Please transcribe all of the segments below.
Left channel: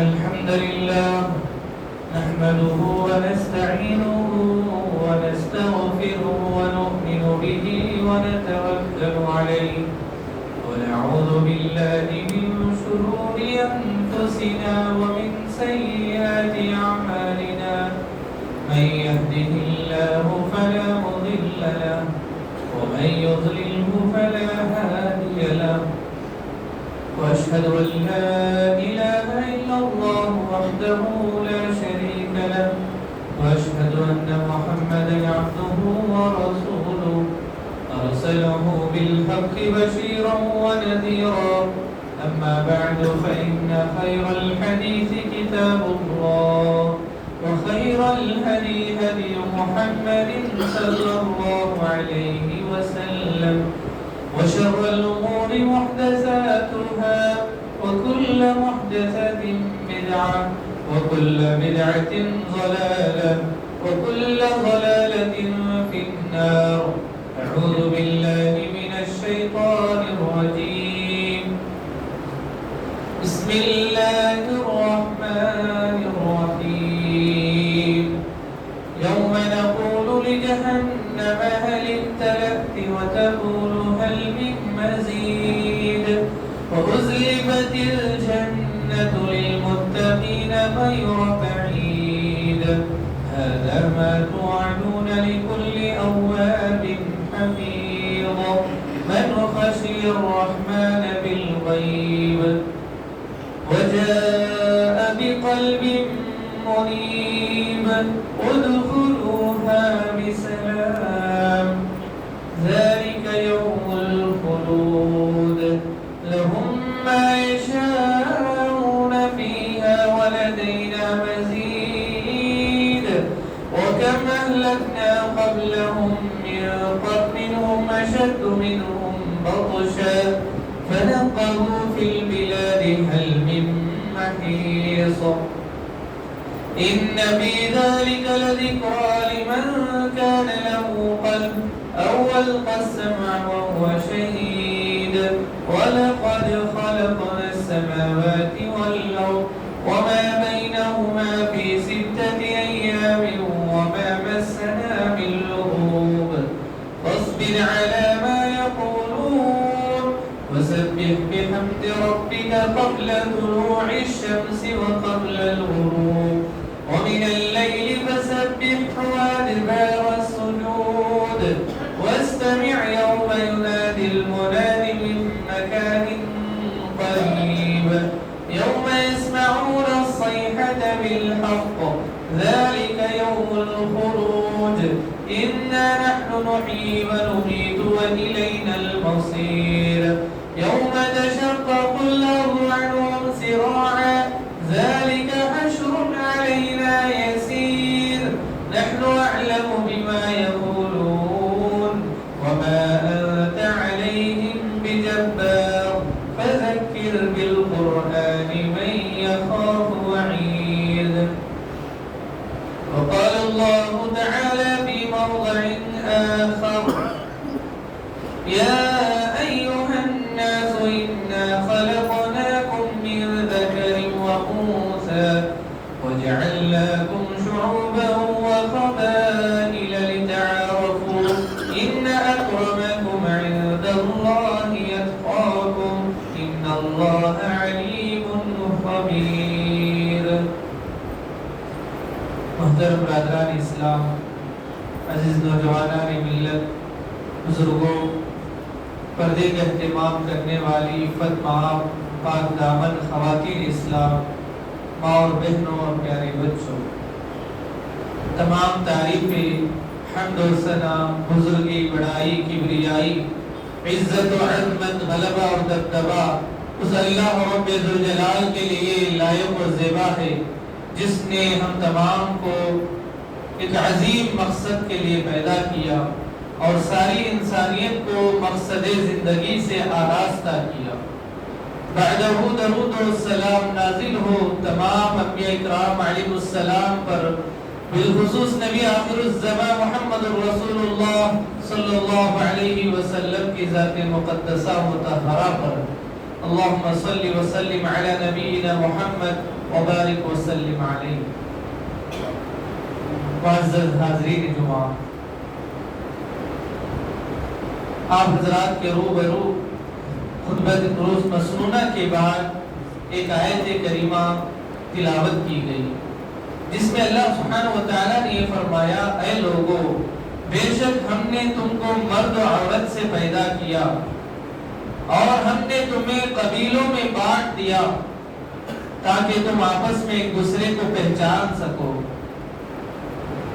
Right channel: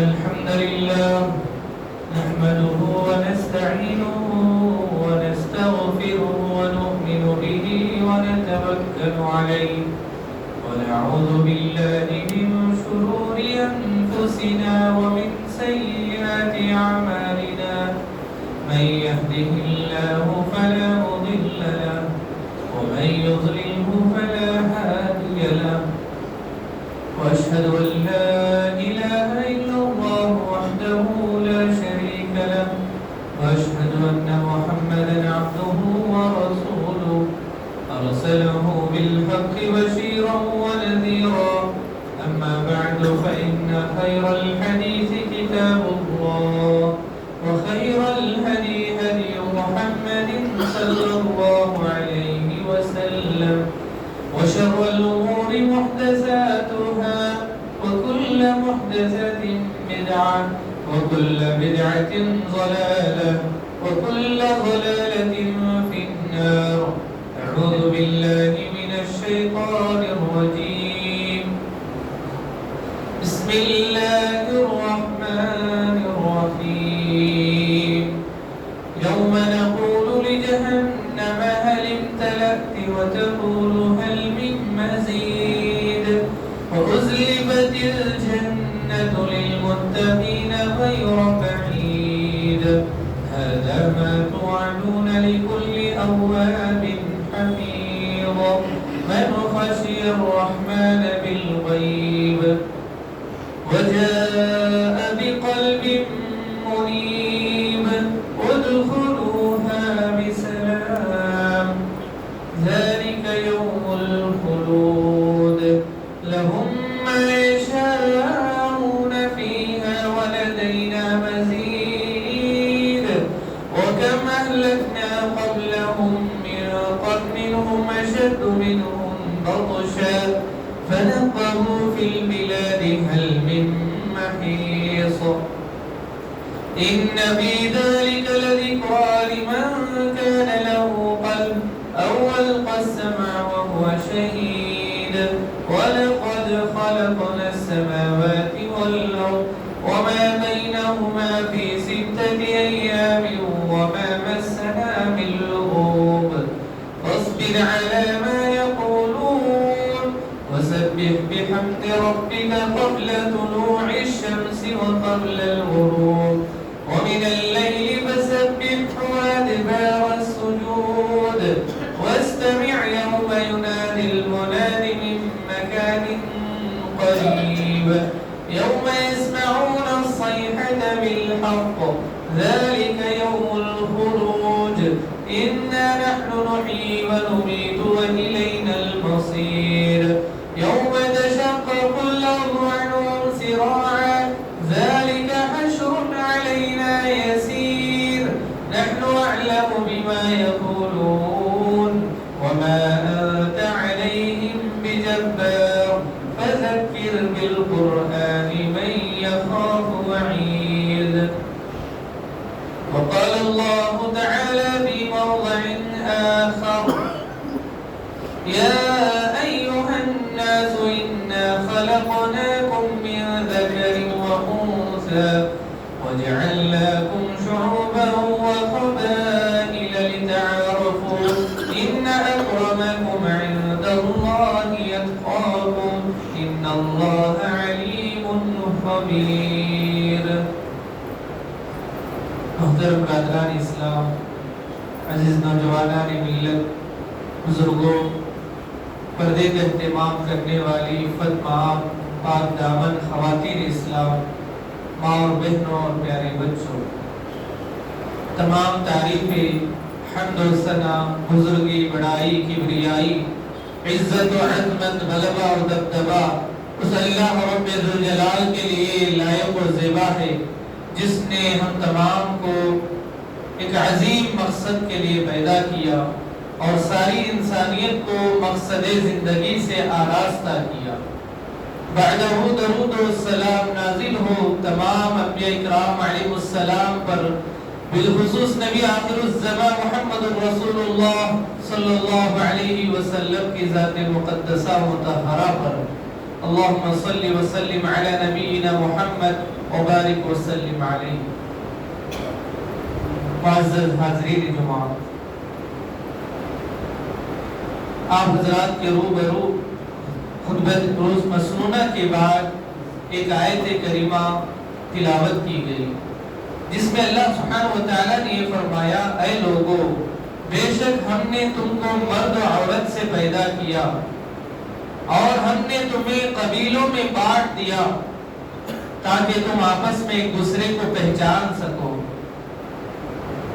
الحمد لله نحمده ونستعينه ونستغفره ونؤمن به ونتوكل عليه ونعوذ بالله من شرور أنفسنا ومن سيئات أعمالنا من يهده الله فلا مضل له ومن يضلله فلا هادي له وأشهد أن لا إله إلا الله وحده لا شريك له وأشهد أن محمدا عبده ورسوله أرسله بالحق بشيرا ونذيرا أما بعد فإن خير الحديث كتاب الله وخير الهدي هدي محمد صلى الله عليه وسلم وشر الأمور محدثاتها وكل محدثة بدعة وكل بدعة ضلالة وكل ضلالة في النار. أعوذ بالله من الشيطان الرجيم. بسم الله الرحمن الرحيم. يوم نقول لجهنم هل امتلأت وتقول هل من مزيد وأزلفت الجنة للمتقين غير بعيد هذا ما توعدون لكل أواب حفيظ من خشي الرحمن بالغيب وجاء بقلب منيب ادخلوها بسلام ذلك يوم الخلود لهم ما يشاءون فيها ولدينا مزيد وكم أهلكنا قبلهم من قرن هم أشد منهم بطشا فنقبوا في البلاد هل من محيص إن في ذلك لذكرى لمن كان له قلب أو ألقى السمع وهو شهيد ولقد خلقنا السماوات والأرض وما بينهما في 6 أيام وما مسنا من لغوب فاصبر على ما يقولون وسبح بحمد ربك قبل طلوع الشمس وقبل الغروب ومن الليل فسبحه وأدبار السجود واستمع يوم ينادي المناد من مكان قريب يوم يسمعون الصيحة بالحق ذلك يوم الخروج إنا نحن نحيي ونميت وإلينا المصير يوم تشقق الأرض عنهم سراعا ذلك حشر علينا يسير نحن أعلم بما يقولون وما أنت عليهم بجبار فذكر بالقرآن من يخاف وعيد. وقال الله تعالى في موضع آخر يا أيها الناس إنا خلقناكم من ذكر وأنثى وجعلناكم شعوبا وقبائل لتعارفوا إن أكرمكم عند الله يتقاكم إن الله عليم خبير. محترم برادران اسلام، عزیز نوجوانان ملت، بزرگوں، پردے کا اہتمام کرنے والی عفت ماں، پاک دامن خواتین اسلام، ماں اور بہنوں اور پیارے بچوں، تمام تعریفیں، حمد و ثنا، بزرگی، بڑائی، کبریائی، عزت و عظمت، غلبہ اور دبدبہ اس اللہ رب ذوالجلال کے لیے لائق و زیبا ہے جس نے ہم تمام کو ایک عظیم مقصد کے لیے پیدا کیا اور ساری انسانیت کو مقصد زندگی سے آراستہ کیا. بعدہ درود و السلام نازل ہو تمام انبیاء اکرام علیہ السلام پر، بالخصوص نبی آخر الزمان محمد رسول اللہ صلی اللہ علیہ وسلم کی ذات مقدسہ مطہرہ پر. اللہم صلی وسلم علی نبینا محمد وبارک وسلم علیہ۔ معزز حاضرین جمعہ، آپ حضرات کے روبرو خطبہ روز مسنونہ کے بعد ایک آیت کریمہ تلاوت کی گئی، جس میں اللہ سبحانہ و تعالیٰ نے یہ فرمایا، اے لوگو، بے شک ہم نے تم کو مرد و عورت سے پیدا کیا اور ہم نے تمہیں قبیلوں میں بانٹ دیا تاکہ تم آپس میں ایک دوسرے کو پہچان سکو۔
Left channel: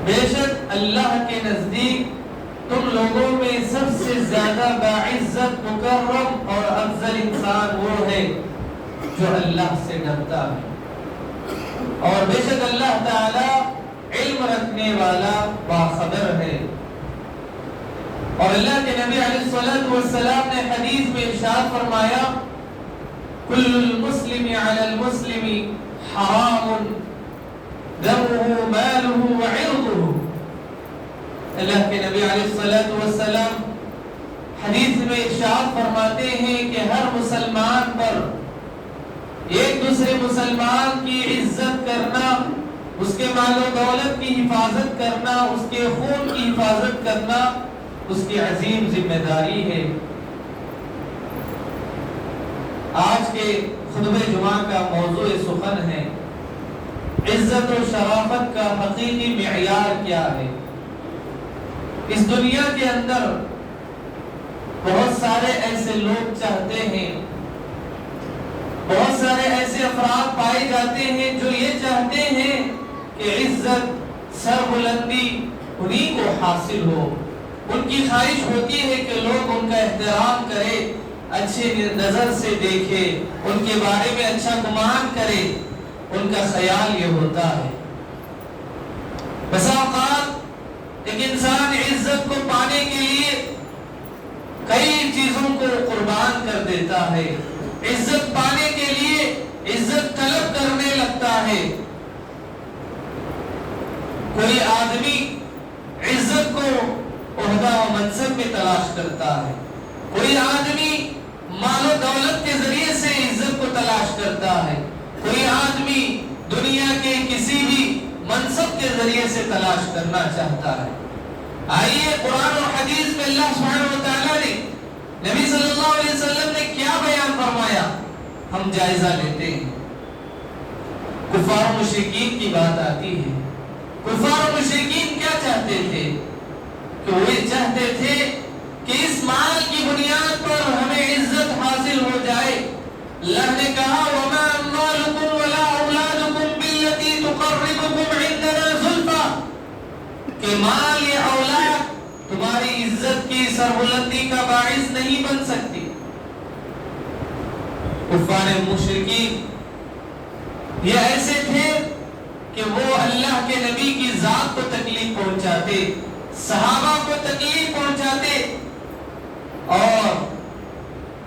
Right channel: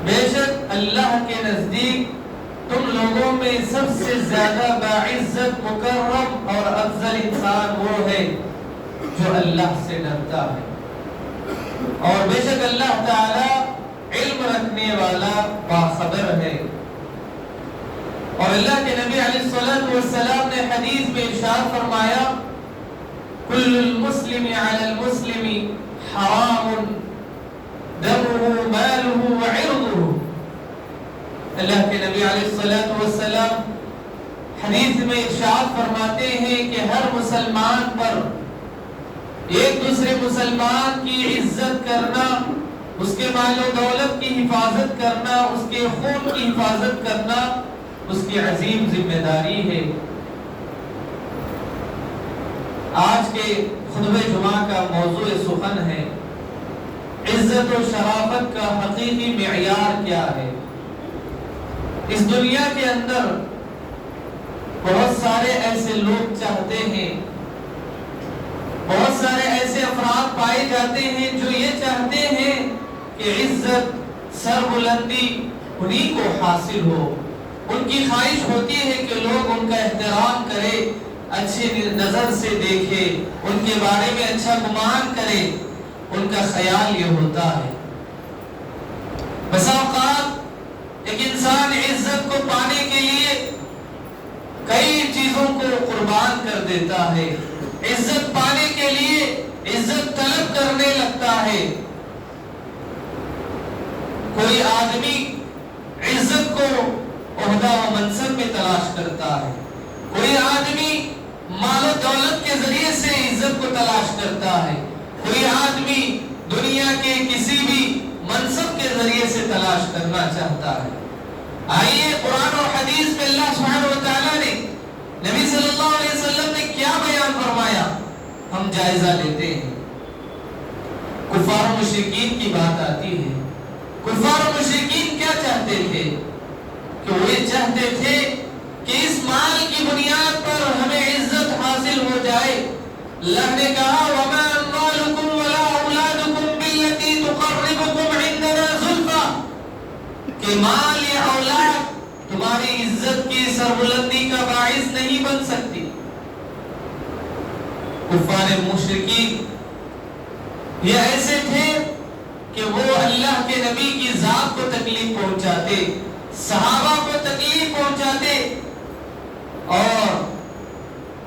بے شک اللہ کے نزدیک تم لوگوں میں سب سے زیادہ باعزت، مکرم اور افضل انسان وہ ہے جو اللہ سے ڈرتا ہے، اور بے شک اللہ تعالی علم رکھنے والا باخبر ہے۔ اور اللہ کے نبی علیہ الصلوۃ والسلام نے حدیث میں ارشاد فرمایا، کل المسلم علی المسلم حرام دمه ماله وعرضه۔ اللہ کے نبی علیہ الصلوۃ والسلام حدیث میں ارشاد فرماتے ہیں کہ ہر مسلمان پر ایک دوسرے مسلمان کی عزت کرنا، اس کے مال و دولت کی حفاظت کرنا، اس کے خون کی حفاظت کرنا اس کی عظیم ذمہ داری ہے۔ آج کے خطبہ جمعہ کا موضوع سخن ہے، عزت و شرافت کا حقیقی معیار کیا ہے۔ اس دنیا کے اندر بہت سارے ایسے لوگ چاہتے ہیں، بہت سارے ایسے افراد پائے جاتے ہیں جو یہ چاہتے ہیں کہ عزت، سربلندی انہی کو حاصل ہو۔ ان کی خواہش ہوتی ہے کہ لوگ ان کا احترام کرے، اچھی نظر سے دیکھے، ان کے بارے میں اچھا گمان کرے، ان کا خیال یہ ہوتا ہے۔ بس اوقات ایک انسان عزت کو پانے کے لیے کئی چیزوں کو قربان کر دیتا ہے، عزت پانے کے لیے عزت طلب کرنے لگتا ہے۔ کوئی آدمی عزت کو عہدہ و منصب میں تلاش کرتا ہے، کوئی آدمی مال و دولت کے ذریعے سے عزت کو تلاش کرتا ہے، کوئی آدمی دنیا کے کسی بھی منصب کے ذریعے سے تلاش کرنا چاہتا ہے۔ آئیے قرآن و حدیث میں اللہ سبحانہ و تعالیٰ نے، نبی صلی اللہ علیہ وسلم نے کیا بیان فرمایا، ہم جائزہ لیتے ہیں۔ کفار و مشرکین کی بات آتی ہے۔ کفار و مشرکین کیا چاہتے تھے؟ کہ وہ یہ چاہتے تھے کہ اس مال کی بنیاد پر ہمیں عزت حاصل ہو جائے۔ اللہ نے کہا، وَمَا أَمْوَالُكُمْ وَلَا أَوْلَادُكُمْ بِالَّتِي تُقَرِّبُكُمْ عِندَنَا زُلْفَىٰ، کہ مال یا اولاد تمہاری عزت کی سربلندی کا باعث نہیں بن سکتی۔ کفار مشرکین یہ ایسے تھے کہ وہ اللہ کے نبی کی ذات کو تکلیف پہنچاتے، صحابہ کو تکلیف پہنچاتے، اور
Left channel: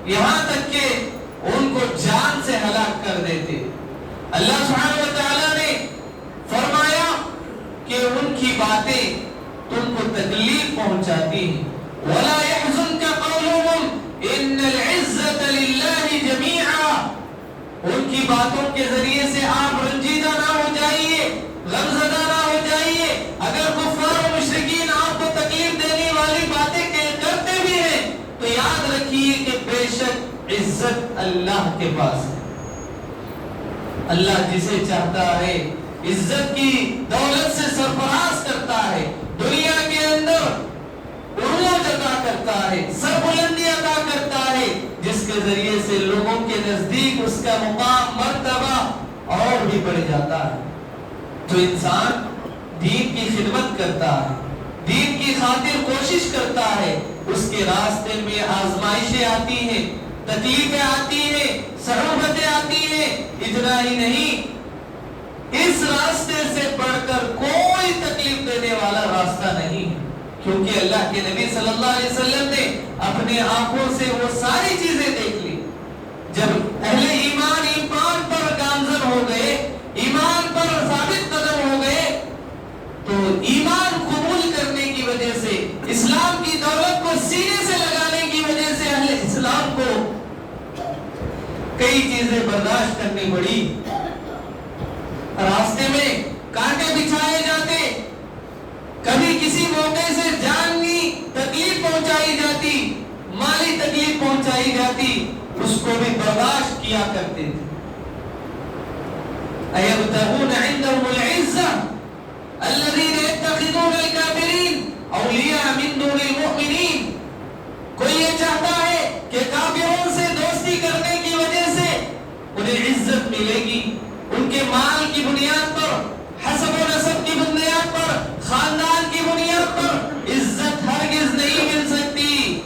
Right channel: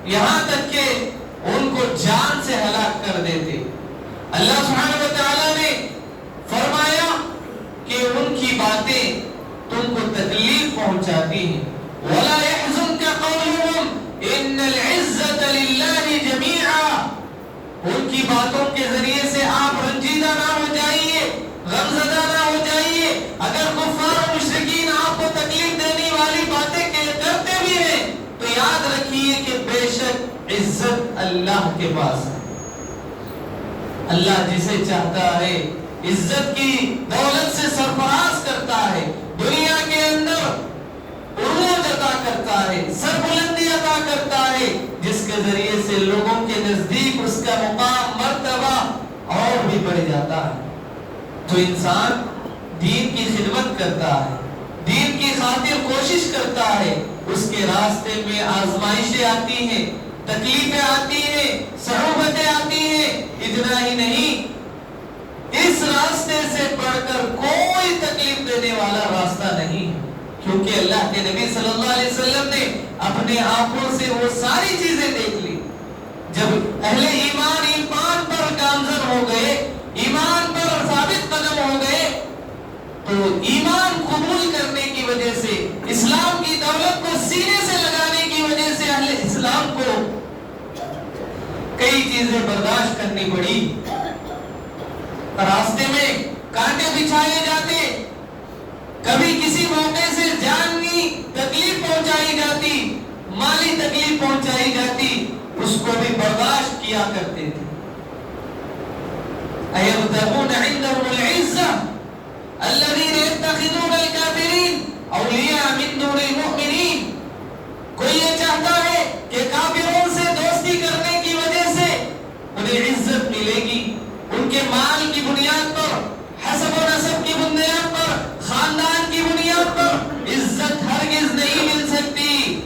یہاں تک کہ ان کو جان سے ہلاک کر دیتے۔ اللہ سبحانہ و تعالیٰ نے فرمایا کہ ان کی باتیں تم کو تکلیف پہنچاتی ہیں۔ وَلَا يَحْزُنْكَ قَوْلُهُمْ إِنَّ الْعِزَّةَ لِلَّهِ جَمِيعًا، ان کی باتوں کے ذریعے سے آپ رنجیدہ نہ ہو جائیے، غمزدہ نہ ہو جائیے۔ اگر کفار و مشرکین آپ کو تکلیف دینے والی باتیں کرتے بھی ہیں تو یاد رکھیے کہ بے شک عزت اللہ کے پاس ہے۔ اللہ جسے چاہتا ہے عزت کی دولت سے سرفراز کرتا ہے، دنیا کے اندر عروج عطا کرتا ہے، سربلندی عطا کرتا ہے، جس کے ذریعے سے لوگوں کے نزدیک اس کا مقام، مرتبہ اور بھی بڑھ جاتا ہے۔ جو انسان دین کی خدمت کرتا ہے، دین کی خاطر کوشش کرتا ہے، اس کے راستے میں آزمائشیں آتی ہیں، تکلیفیں آتی ہیں، صعوبتیں آتی ہیں۔ اتنا ہی نہیں، اس راستے سے بڑھ کر کوئی تکلیف دینے والا راستہ نہیں ہے، کیونکہ اللہ کے نبی صلی اللہ علیہ وسلم نے اپنے آنکھوں سے وہ ساری چیزیں دیکھ لی۔ جب اہل ایمان پر گامزن ہو گئے، ایمان پر ثابت قدم ہو گئے، تو ایمان قبول کرنے کی وجہ سے، اسلام کی دولت کو سینے سے لگانے کی وجہ سے اہل اسلام کو کئی چیزیں برداشت کرنی پڑی۔ راستے میں کانٹے بچھائے جاتے، کبھی کسی موقع سے جانی تکلیف پہنچائی جاتی، مالی تکلیف پہنچائی جاتی، اس کو بھی برداشت کیا کرتے تھے۔ أَيَبْتَغُونَ عِندَهُمُ الْعِزَّةَ الَّذِينَ يَتَّخِذُونَ الْكَافِرِينَ أَوْلِيَاءَ مِن دُونِ الْمُؤْمِنِينَ۔ کوئی یہ چاہتا ہے کہ کافروں سے دوستی کرنے کی وجہ سے انہیں عزت ملے گی، ان کے مال کی بنیاد پر، حسب و نسب کی بنیاد پر، خاندان کی بنیاد پر عزت ہرگز نہیں مل سکتی۔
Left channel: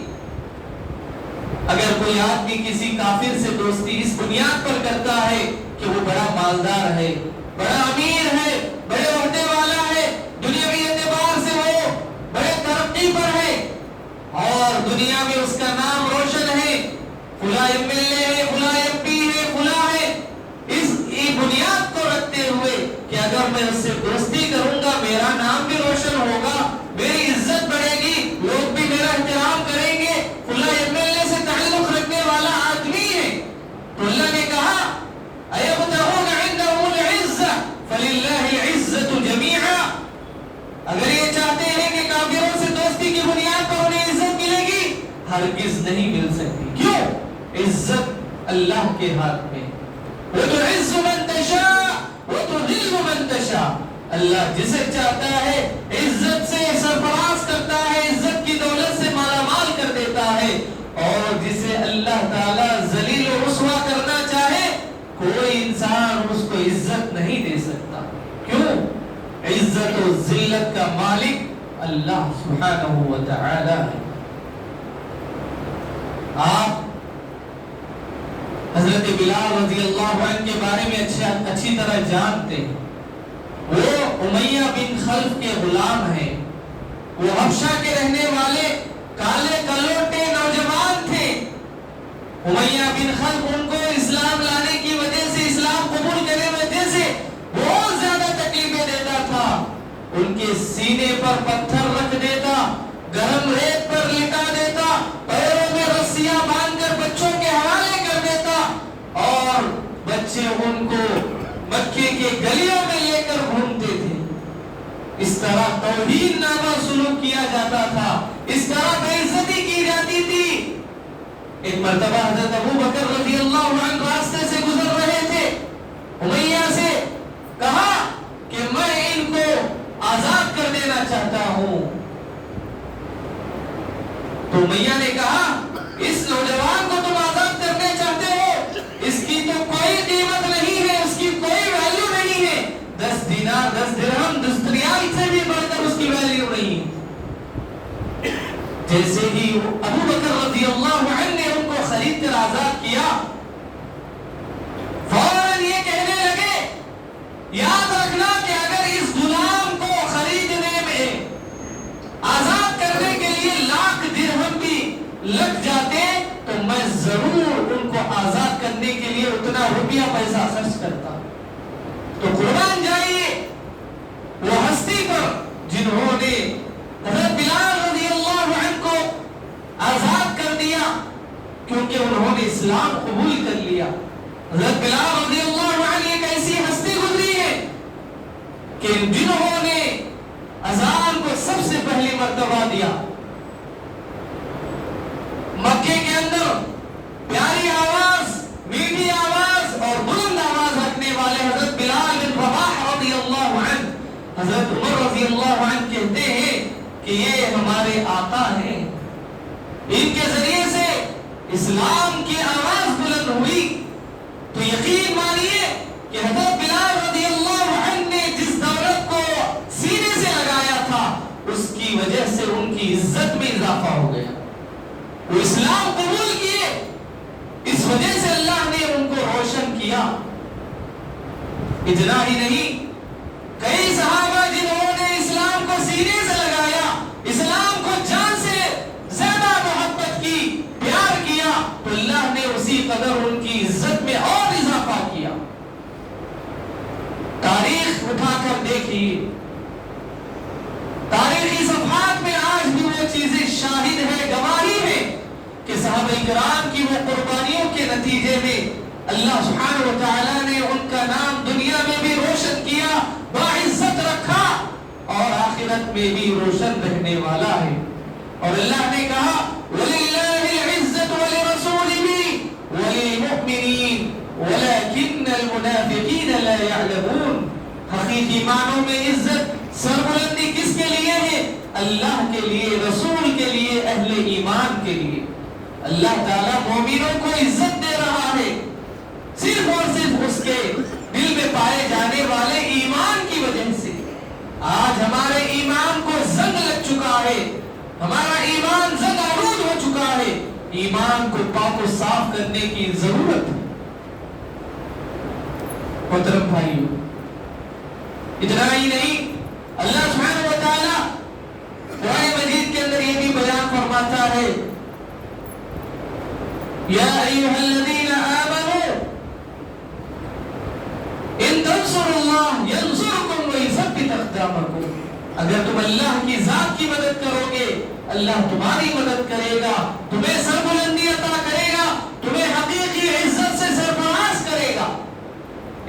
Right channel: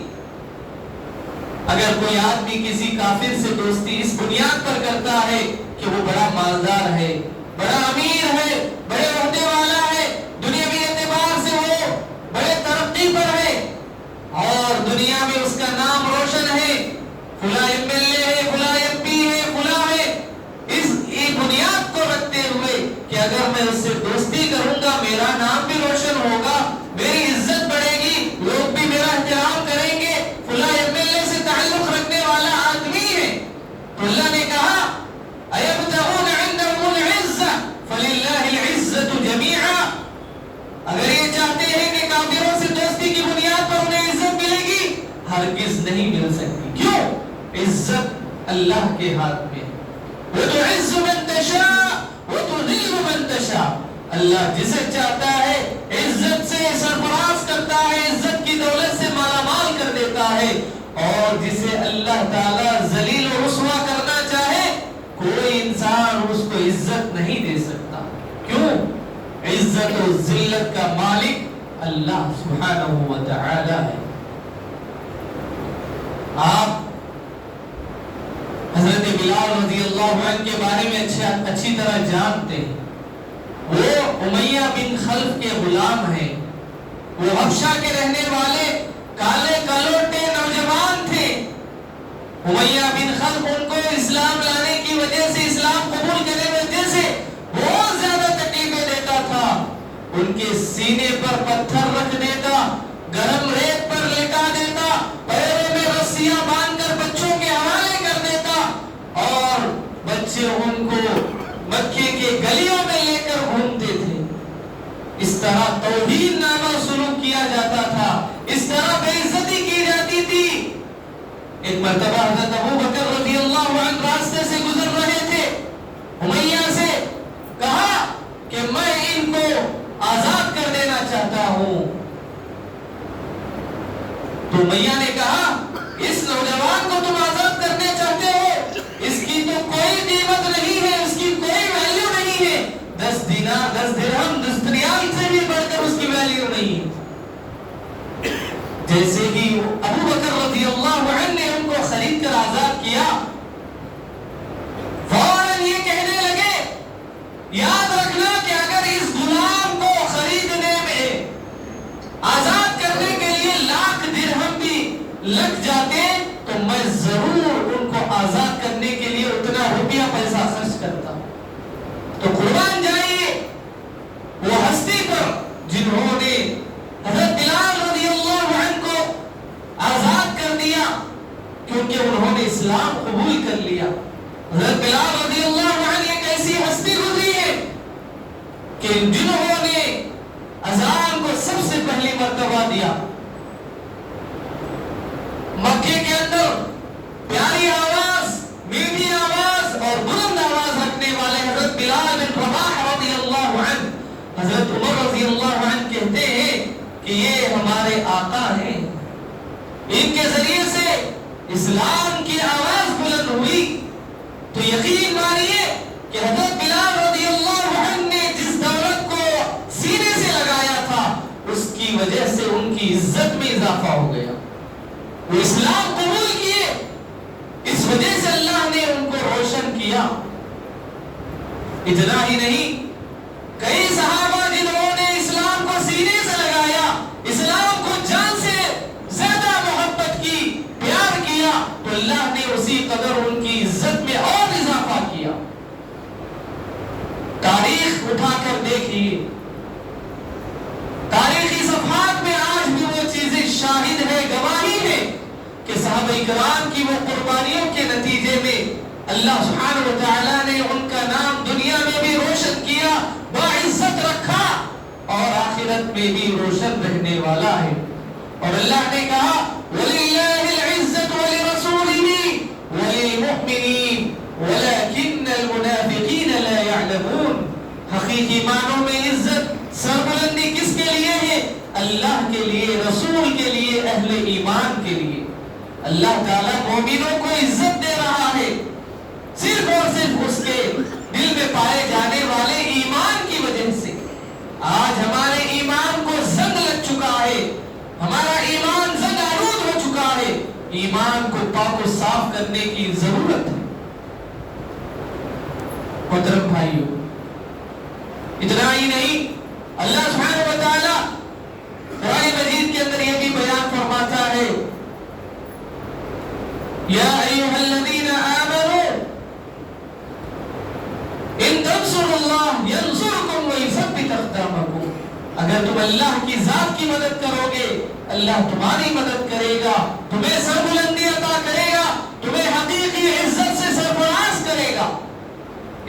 اگر کوئی آدمی کسی کافر سے دوستی اس بنیاد پر کرتا ہے کہ وہ بڑا مالدار ہے، بڑا امیر ہے، بڑے عہدے والا ہے، دنیاوی اعتبار سے وہ بڑے ترقی پر ہے اور دنیا میں اس کا نام روشن ہے، فلاں ایم ایل اے ہے، فلاں ایم پی ہے، فلاں ہے، اس بنیاد کو رکھتے ہوئے کہ اگر میں اس سے دوستی کروں گا میرا نام بھی روشن ہوگا، میری عزت بڑھے گی، لوگ بھی میرا احترام کریں گے، فلاں ایم ایل اے سے تعلق رکھنے والا آدمی ہے، تو اللہ نے کہا أَيَبْتَغُونَ عِندَهُمُ الْعِزَّةَ فَلِلَّهِ الْعِزَّةُ جَمِيعًا۔ اگر یہ چاہتے ہیں کہ کافروں سے دوستی کی بنیاد پر انہیں عزت ملے گی، ہرگز نہیں مل سکتی۔ کیوں؟ عزت اللہ کے ہاتھ میں۔ وَتُعِزُّ مَن تَشَاءُ وَتُذِلُّ مَن تَشَاءُ۔ اللہ جسے چاہتا ہے عزت سے سرفراز کرتا ہے، عزت کی دولت سے مالا مال کر دیتا ہے، اور جسے اللہ تعالیٰ ذلیل و رسوا کرنا چاہے کوئی انسان اس کو عزت نہیں دے سکتا۔ کیوں؟ عزت و ذلت کا مالک اللہ سبحانہ و تعالی ہے۔ آپ حضرت بلال رضی اللہ عنہ کے بارے میں اچھی طرح جانتے ہیں۔ وہ امیہ بن خلف کے غلام ہیں، وہ حبشہ کے رہنے والے کالے کلوٹے نوجوان تھے۔ امیہ بن خلف ان کو اسلام لانے کی وجہ سے، اسلام قبول کرنے کی وجہ سے بہت زیادہ تکلیفیں دیتا تھا، ان کے سینے پر پتھر رکھ دیتا، گرم ریت پر لٹا دیتا، پیروں میں رسیاں باندھ کر بچوں کے حوالے کر دیتا، اور بچے ان کو مکے کے گلیوں میں لے کر گھومتے تھے۔ اس طرح توہین نامہ سلوک کیا جاتا تھا، اس طرح بے عزتی کی جاتی تھی۔ ایک مرتبہ حضرت ابو بکر رضی اللہ عنہ راستے سے گزر رہے تھے، امیہ سے کہا کہ میں ان کو آزاد کر دینا چاہتا ہوں، تو امیہ نے کہا اس نوجوان کو تم آزاد کرنے چاہتے ہو، اس کی تو کوئی قیمت نہیں ہے، اس کی کوئی ویلیو نہیں ہے، 10 دینار 10 درہم 10 ریال سے بھی بڑھ کر اس کی ویلیو نہیں ہے۔ جیسے ہی ابو بکر رضی اللہ عنہ نے ان کو خرید کر آزاد کیا، فوراً یہ کہنے لگے یاد رکھنا کہ اگر اس غلام کو خریدنے میں، آزاد کرنے کے لیے 1,00,000 درہم بھی لگ جاتے تو میں ضرور ان کو آزاد کرنے کے لیے اتنا روپیہ پیسہ خرچ کرتا۔ تو قربان جائیے وہ ہستی پر جنہوں نے حضرت بلال رضی اللہ عنہ کو آزاد کر دیا، کیونکہ انہوں نے اسلام قبول کر لیا۔ حضرت بلال رضی اللہ عنہ ایک ایسی ہستی گزری ہے کہ جنہوں نے اذان کو سب سے پہلی مرتبہ دیا، مکے کے اندر پیاری آواز، میٹھی آواز اور بلند آواز رکھنے والے حضرت بلال بن رباح رضی اللہ عنہ، حضرت عمر رضی اللہ عنہ کہتے ہیں کہ یہ ہمارے آقا ہیں، ان کے ذریعے سے اسلام کی آواز بلند ہوئی۔ تو یقین مانیے کہ حضرت بلال رضی اللہ عنہ نے جس دولت کو سینے سے لگایا تھا اس کی وجہ سے ان کی عزت میں اضافہ ہو گیا، وہ اسلام قبول کیے، اس وجہ سے اللہ نے ان کو روشن کیا۔ اتنا ہی نہیں، کئی صحابہ جنہوں نے اسلام کو سینے سے لگایا، اسلام کو جان سے زیادہ محبت کی، پیار کیا، تو اللہ نے اسی قدر ان کی عزت میں اور اضافہ کیا۔ تاریخ اٹھا کر دیکھیے، تاریخی صفحات میں آج بھی وہ چیزیں شاہد ہے، گواہی ہے کہ صحابہ کرام کی وہ قربانیوں کے نتیجے میں اللہ سبحانہ و تعالیٰ نے ان کا نام دنیا میں بھی روشن کیا۔ میں بھی روشن رہنے والا ہے. اور اللہ نے کہا وَلِلَّهِ الْعِزَّةُ وَلِرَسُولِهِ وَلِلْمُؤْمِنِينَ وَلَكِنَّ الْمُنَافِقِينَ لَا يَعْلَمُونَ. حقیقی معنوں میں عزت سربلندی کس کے لیے ہے؟ اللہ کے لیے، رسول کے لیے، اہل ایمان کے لیے. اللہ تعالیٰ مومنوں کو عزت دے رہا ہے صرف اور صرف اس کے دل میں پائے جانے والے ایمان کی وجہ سے. آج ہمارے ایمان کو زنگ لگ چکا ہے، ہمارا ایمان زنگ آلود ہو چکا ہے. ایمان کو پاک و صاف کرنے کی ضرورت ہے. محترم بھائیو، اتنا ہی نہیں، اللہ سبحانہ و تعالیٰ قرآن مجید کے اندر یہ بھی بیان فرماتا ہے یا ایھا الذین آمنوا ان تنصروا اللہ ینصرکم ویثبت اقدامکم. اگر تم اللہ کی ذات کی مدد کرو گے، اللہ تمہاری مدد کرے گا، تمہیں سربلندی عطا کرے گا، تمہیں حقیقی عزت سے سرفراز کرے گا.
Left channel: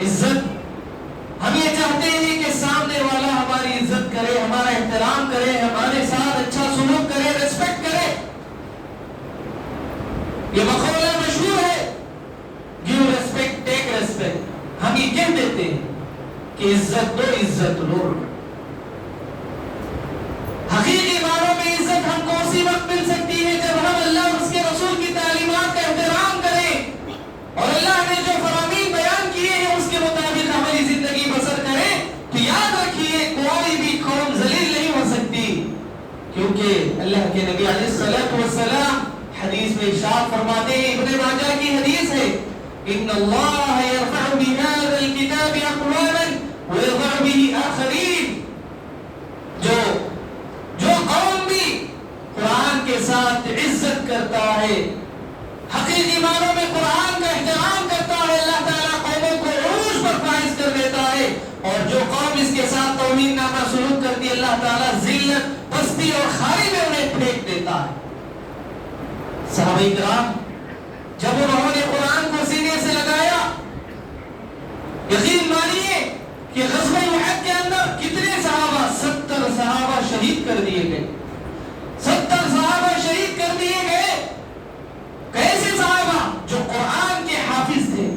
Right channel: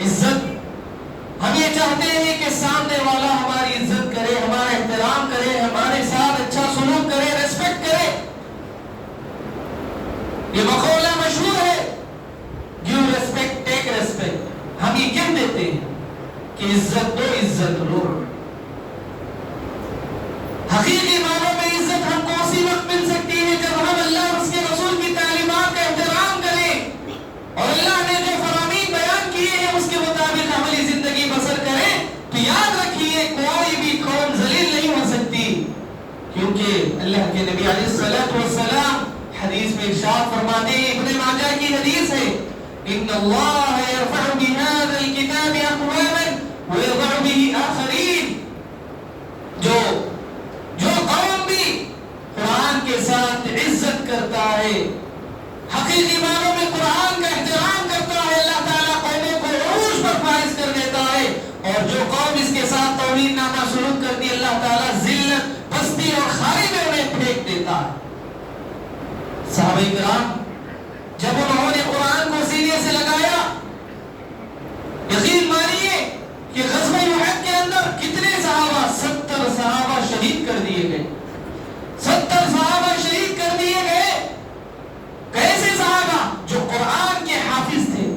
عزت ہم یہ چاہتے ہیں کہ سامنے والا ہماری عزت کرے، ہمارا احترام کرے، ہمارے ساتھ اچھا سلوک کرے، ریسپیکٹ کرے. یہ مقولہ مشہور ہے گیو ریسپیکٹ ٹیک ریسپیکٹ. ہم یہ کہہ دیتے ہیں کہ عزت دو عزت لو. حقیقی معنوں میں عزت ہم کو اسی وقت مل سکتی ہے جب ہم اللہ اور اس کے رسول کی تعلیمات کا احترام کریں اور اللہ نے جو فرامین بیان کیے ہیں اس کے مطابق عملی زندگی بسر کریں. تو یاد رکھیے کوئی بھی قوم ذلیل نہیں ہو سکتی، کیونکہ اللہ کے نبی علیہ الصلوۃ والسلام حدیث میں ارشاد فرماتے ہیں، ابن ماجہ کی حدیث ہے، ان اللہ یرفع بهذا الكتاب اقواما ويضع به آخرین. جو قوم بھی قرآن کے ساتھ عزت کرتا ہے، حقیقی معنوں میں قرآن کا احترام کرتا ہے، اللہ تعالیٰ قوموں کو عروج پر فائز کر دیتا ہے. اور جو قوم اس کے ساتھ توہین نامہ سلوک کرتی ہے، اللہ تعالیٰ ذلت، پستی اور خاری میں انہیں پھینک دیتا ہے. صحابہ کرام جب انہوں نے قرآن کو سینے سے لگایا، یقین مانیے کہ غزوہ احد کے اندر کتنے صحابہ، 70 صحابہ شہید کر دیے گئے. 70 صحابہ شہید کر دیے گئے. کیسے صحابہ؟ جو قرآن کے حافظ تھے،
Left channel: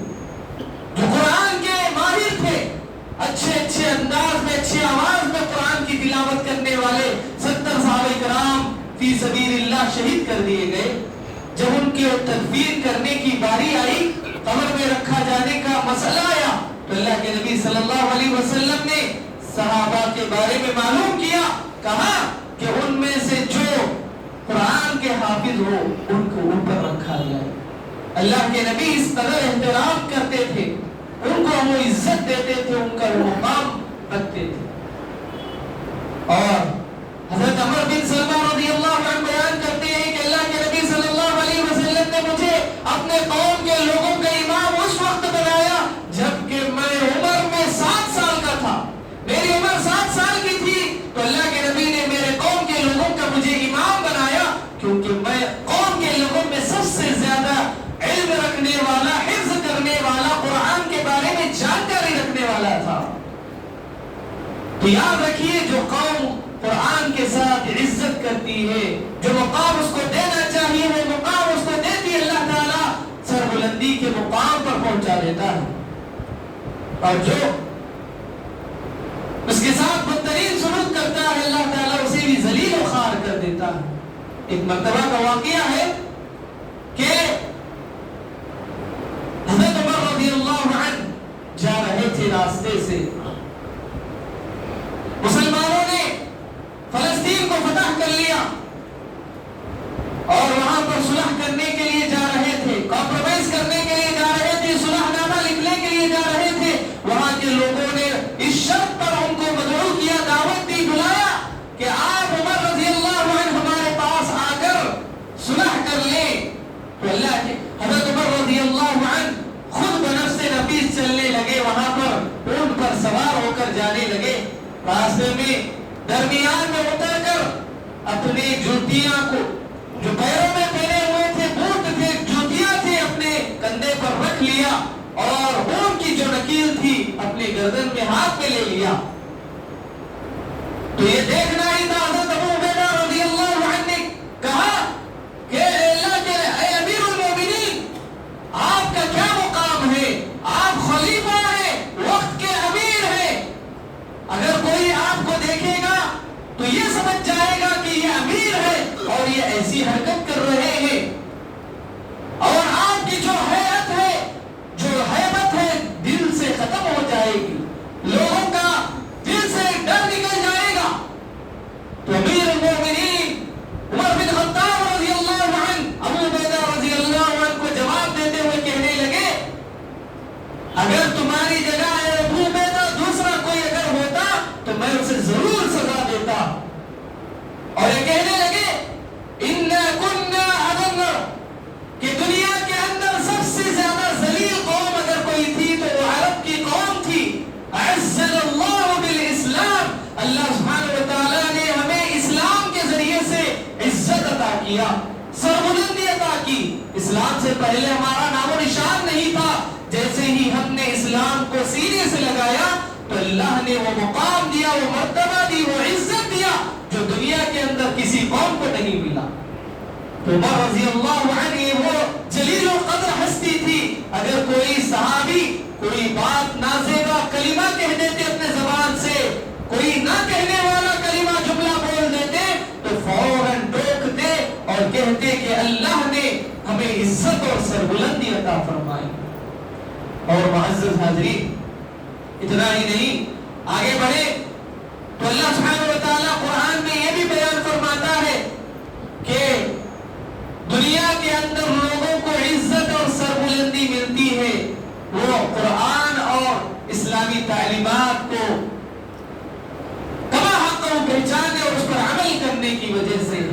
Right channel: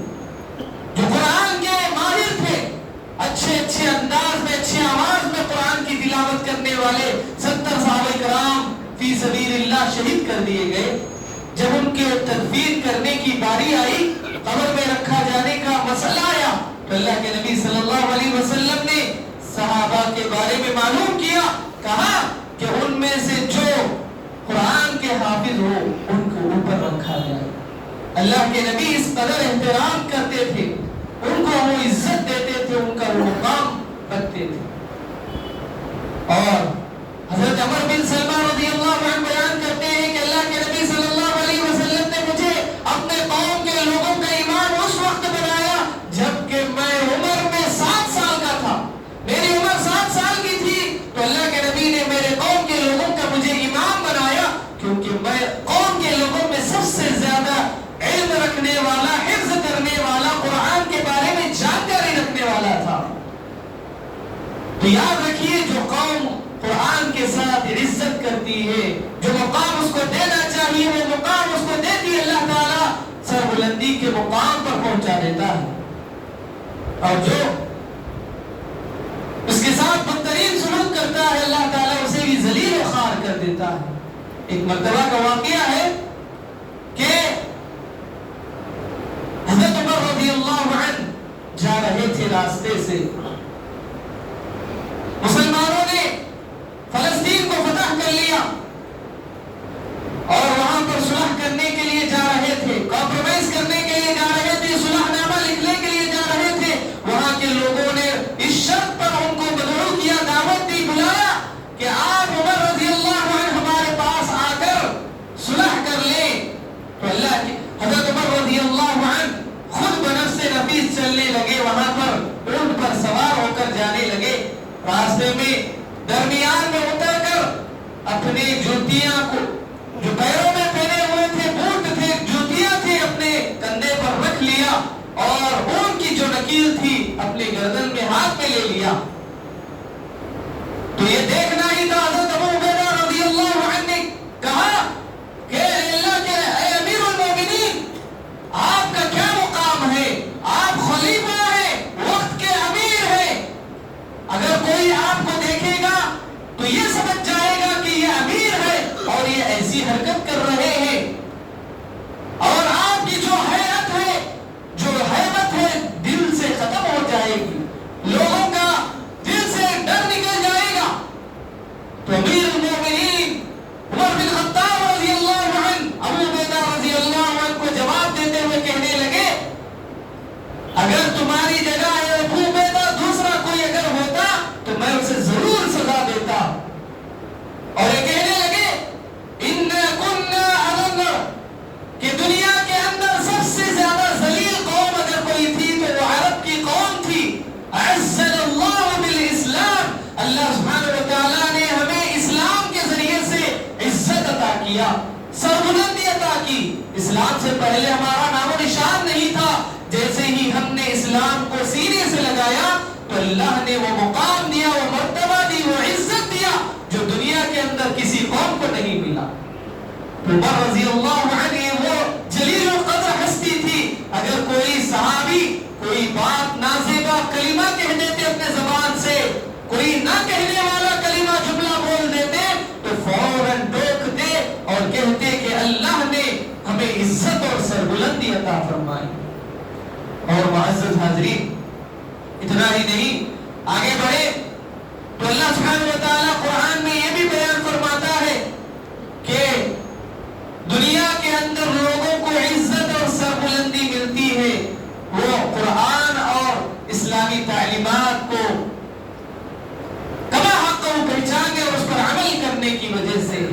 جو قرآن کے ماہر تھے، اچھے انداز میں، اچھی آواز میں قرآن کی تلاوت کرنے والے 70 صحابہ کرام فی سبیل اللہ شہید کر دیے گئے. جب ان کے تدفین کرنے کی باری آئی، قبر میں رکھا جانے کا مسئلہ آیا، تو اللہ کے نبی صلی اللہ علیہ وسلم نے صحابہ کے بارے میں معلوم کیا، کہا کہ ان میں سے جو قرآن کے حافظ ہو ان کو اوپر رکھا جائے. اللہ کے نبی اس قدر احترام کرتے تھے، ان کو وہ عزت دیتے تھے، ان کا وہ مقام رکھتے تھے. اور حضرت عمر بن سلمہ رضی اللہ عنہ بیان کرتے ہیں کہ اللہ کے نبی صلی اللہ علیہ وسلم نے مجھے اپنے قوم کے لوگوں کا امام اس وقت بنایا جبکہ میں عمر میں 7 سال کا تھا. میری عمر 7 سال کی تھی تو اللہ کے نبی نے میرے قوم کے لوگوں کا مجھے امام بنایا، کیونکہ میں قوم کے لوگوں میں سب سے زیادہ علم رکھنے والا، حفظ کرنے والا، قرآن کے بارے میں جانکاری رکھنے والا تھا. تو یاد رکھیے جو قوم قرآن کے ساتھ عزت کرتی ہے، جو مقام اس کو دینا چاہیے وہ مقام اس کو دیتی ہے، اللہ تعالیٰ سربلندی کے مقام پر پہنچا دیتا ہے. اور جو اس کے ساتھ بدترین سلوک کرتا ہے، اللہ تعالیٰ اسے بھی ذلیل و خوار کر دیتا ہے. ایک مرتبہ کا واقعہ ہے کہ حضرت عمر رضی اللہ عنہ جا رہے تھے راستے سے، مسلمانوں نے فلسطین کو فتح کر لیا اور وہاں پر صلح کرنے کے لیے جا رہے تھے، کمپرومائز کرنے کے لیے جا رہے تھے، صلح نامہ لکھنے کے لیے جا رہے تھے. وہاں کے لوگوں نے اس شرط پر ان کو مدعو کیا، دعوت دی، بلایا کہ آپ عمر رضی اللہ عنہ ہمارے پاس آ کر صلح کر لیں. تو اللہ کے حضرت عمر رضی اللہ عنہ خود بنفس نفیس چلنے لگے، وہاں پر اونٹ پر سوار ہو کر جانے لگے. راستے میں درمیان میں اتر کر اپنے جوتیاں کو، جو پیروں میں پہنے ہوئے تھے، بوٹ تھے، جوتیاں تھی، اپنے کندھے پر رکھ لیا اور اونٹ کی جو نکیل تھی اپنے گردن میں ہاتھ میں لے لیا. تو یہ دیکھنا ہی تھا اللہ سبحانہ و تعالیٰ نے ہمیں اسلام کے ذریعے سے عزت عطا کیا، سربلندی عطا کی۔ اسلام سے پہلے ہمارا نام و نشان نہیں تھا، جیسے ہی ہم نے اسلام کو سینے سے لگایا تو اللہ نے وہ مقام دیا، وہ مرتبہ دی، وہ عزت دیا جو دنیا کے اندر کسی قوم کو نہیں ملا۔ عمر رضی اللہ عنہ وہ جلیل القدر ہستی تھی، اگر کوئی صحابی کوئی بات نازیبا کلمہ کہہ دیتے اپنے زبان سے، کوئی نہ کہنے والا کلمہ جملہ بول دیتے تو فوراً ٹوکتے اور کہتے کہ اللہ نے ہمیں عزت اور سربلندی عطا فرمائی۔ اور معزز حاضرین، اتنا ہی نہیں، آگے بڑھے تو اللہ سبحانہ و تعالیٰ قرآن میں یہ بھی بیان فرماتا ہے کہ دنیا کے اندر لوگوں کو عزت اور سربلندی ملتی ہے وہ قرآن اور اسلامی تعلیمات کو کما حق کو پہچانے اور اس پر عمل کرنے کی وجہ سے۔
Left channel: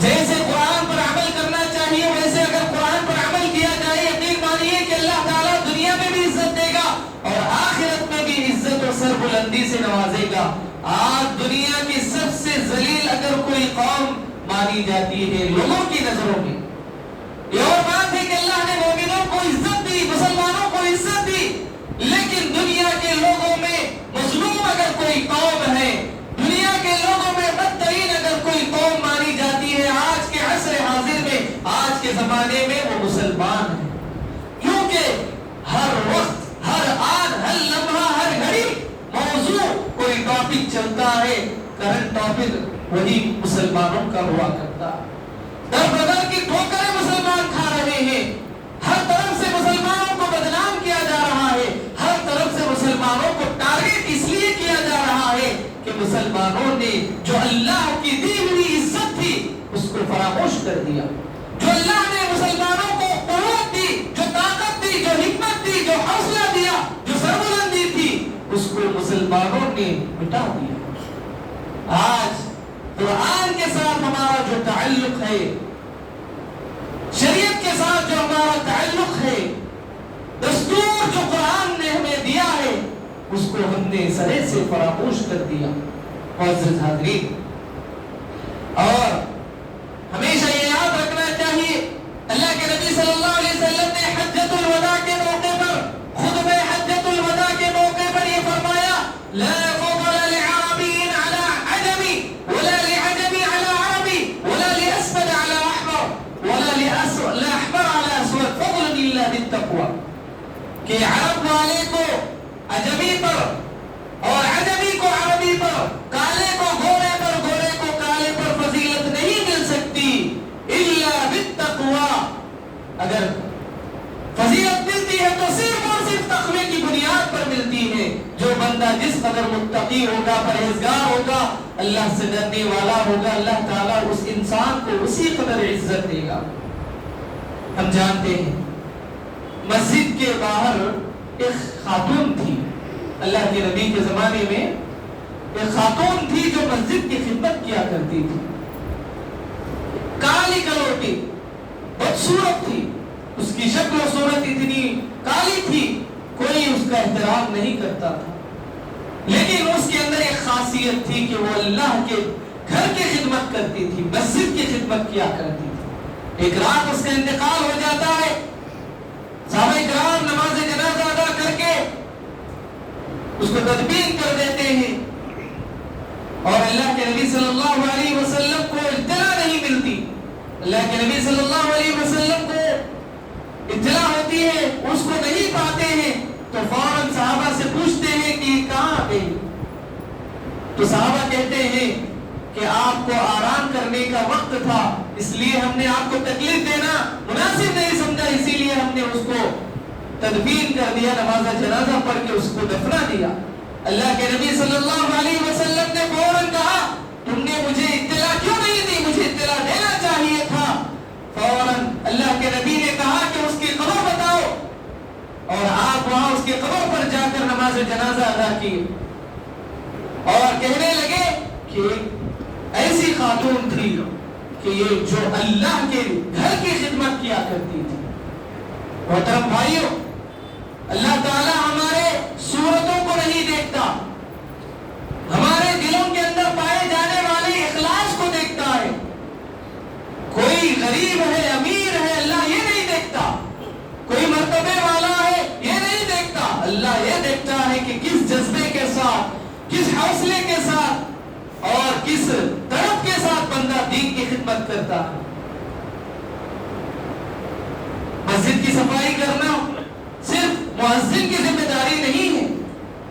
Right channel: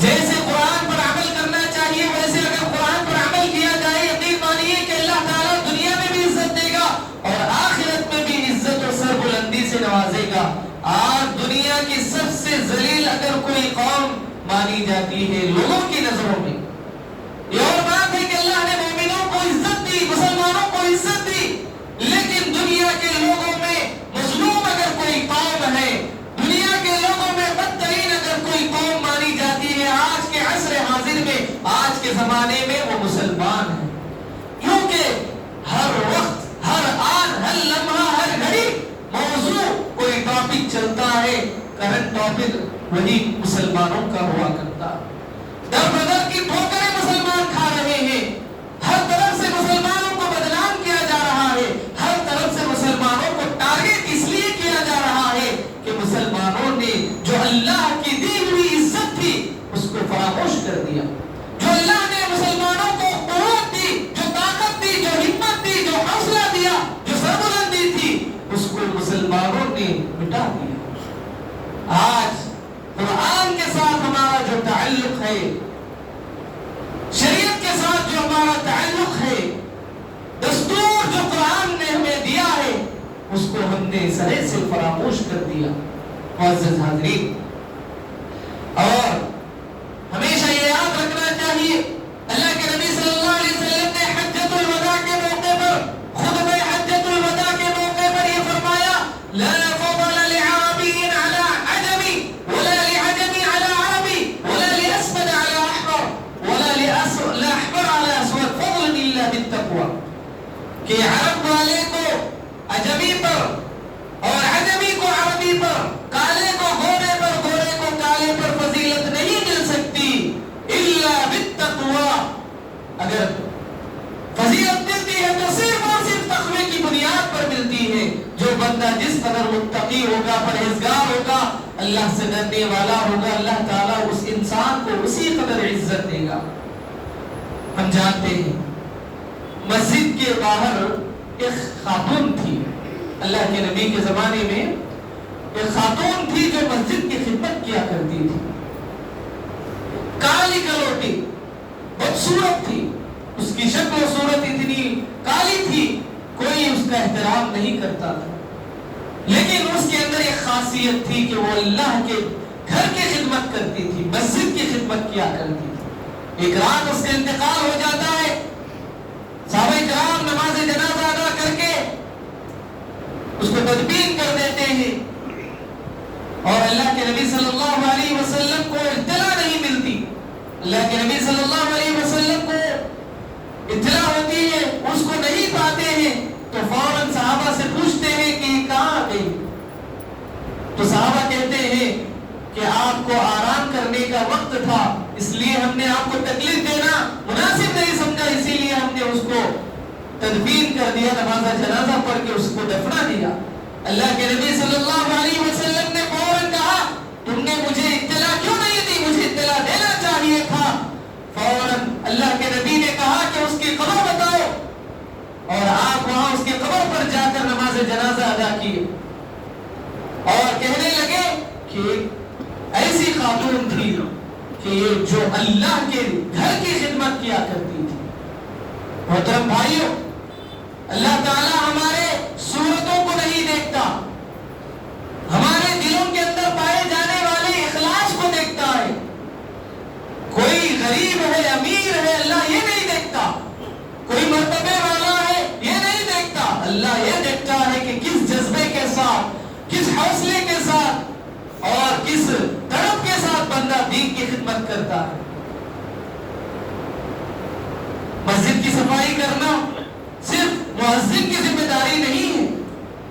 جیسے قرآن پر عمل کرنا چاہیے، ویسے اگر قرآن پر عمل کیا جائے، یقین مانیے کہ اللہ تعالیٰ دنیا میں بھی عزت دے گا اور آخرت میں بھی عزت اور سربلندی سے نوازے گا۔ آج دنیا کی سب سے ذلیل اگر کوئی قوم مانی جاتی ہے لوگوں کی نظروں میں، یہ اور بات ہے کہ اللہ نے مومنوں کو عزت دی، مسلمانوں کو عزت دی، لیکن دنیا کے لوگوں میں مظلوم اگر کوئی قوم ہے، دنیا کے لوگوں میں بدترین اگر کوئی قوم مانی جاتی ہے آج کے عصر حاضر میں، آج کے زمانے میں، وہ مسلمان ہیں۔ کیونکہ ہر وقت، ہر آن، ہر لمحہ، ہر گھڑی موضوع کوئی ٹاپک چلتا ہے، کرنٹ ٹاپک وہی مسلمانوں کا ہوا کرتا ہے۔ در بدر کی ٹھوکریں مسلمان کھا رہے ہیں، ہر طرف سے مسلمانوں کو بدنام کیا جا رہا ہے، ہر طرف سے مسلمانوں کو ٹارگٹ اس لیے کیا جا رہا ہے کہ مسلمانوں نے جو اللہ کی دی ہوئی عزت تھی اس کو فراموش کر دیا، جو اللہ نے مسلمانوں کو قوت دی، جو طاقت دی، جو ہمت دی، جو حوصلہ دیا، جو سربلندی تھی، اس کو مسلمانوں نے مٹا دیا۔ آج قرآن کے ساتھ ہمارا جو تعلق ہے، شریعت کے ساتھ جو ہمارا تعلق ہے، دستور جو قرآن نے ہمیں دیا ہے، اس کو ہم نے سرے سے فراموش کر دیا۔ معزز حاضرین، اور ہمیشہ یہ یاد رکھنا چاہیے، اللہ کے نبی صلی اللہ علیہ وسلم نے حجۃ الوداع کے موقع پر، خطبہ حجۃ الوداع کے موقع پر یہ فرمایا، لا فضل لعربی علی عجمی ولا لعجمی علی عربی ولا لاسود علی احمر ولا لاحمر علی اسود فضل الا بالتقوى، کہ عرب والے کو عجمی پر اور عجمی کو عربی پر، کالے کو گورے پر، گورے کو کالے پر فضیلت نہیں مل سکتی الا بالتقوى۔ اگر فضیلت ملتی ہے تو صرف اور صرف تقوی کی بنیاد پر ملتی ہے۔ جو بندہ جس قدر متقی ہوگا، پرہیزگار ہوگا، اللہ سے ڈرنے والا ہوگا، اللہ تعالیٰ اس انسان کو اسی قدر عزت دے گا۔ ہم جانتے ہیں مسجد کے باہر ایک خاتون تھی، اللہ کے نبی کے زمانے میں ایک خاتون تھی جو مسجد کی خدمت کیا کرتی تھی، کالی کلوٹی، بدصورت تھی، اس کی شکل و صورت اتنی کالی تھی کوئی اس کا احترام نہیں کرتا تھا، لیکن اس کے اندر ایک خاصیت تھی کہ وہ اللہ کے گھر کی خدمت کرتی تھی، مسجد کی خدمت کیا کرتی تھی۔ ایک رات اس کا انتقال ہو جاتا ہے، صحابہ کرام نماز جنازہ ادا کر کے اس کو تدفین کر دیتے ہیں، اور اللہ کے نبی صلی اللہ علیہ وسلم کو اطلاع نہیں ملتی۔ اللہ کے نبی صلی اللہ علیہ وسلم کو اطلاع ہوتی ہے، اس کو نہیں پاتے ہیں تو فوراً صحابہ سے پوچھتے ہیں کہ یہ کہاں گئی؟ تو صحابہ کہتے ہیں کہ آپ کو آرام کرنے کا وقت تھا، اس لیے ہم نے آپ کو تکلیف دینا مناسب نہیں سمجھا، اسی لیے ہم نے اس کو تدفین کر دیا، نماز جنازہ پڑھ کے اس کو دفنا دیا۔ اللہ کے نبی صلی اللہ علیہ وسلم نے فوراً کہا، تم نے مجھے اطلاع کیوں نہیں دی؟ مجھے اطلاع دینا چاہیے تھا۔ فوراً اللہ کے نبی نے کہا کہ اس کی قبر بتاؤ، اور آپ وہاں اس کی قبر پر جا کر نماز جنازہ ادا کی، اور کہنے لگے کہ ایسی خاتون تھی کہ یہ جو اللہ کے گھر کی خدمت کیا کرتی تھی۔ محترم بھائیوں، اللہ تعالیٰ ہمارے صورتوں کو نہیں دیکھتا، جذبے کے ساتھ، کس حوصلے کے ساتھ اور کس تڑپ کے ساتھ بندہ دین کی خدمت کرتا ہے۔ مسجد کی صفائی کرنا صرف مؤذن کی ذمہ داری نہیں ہے،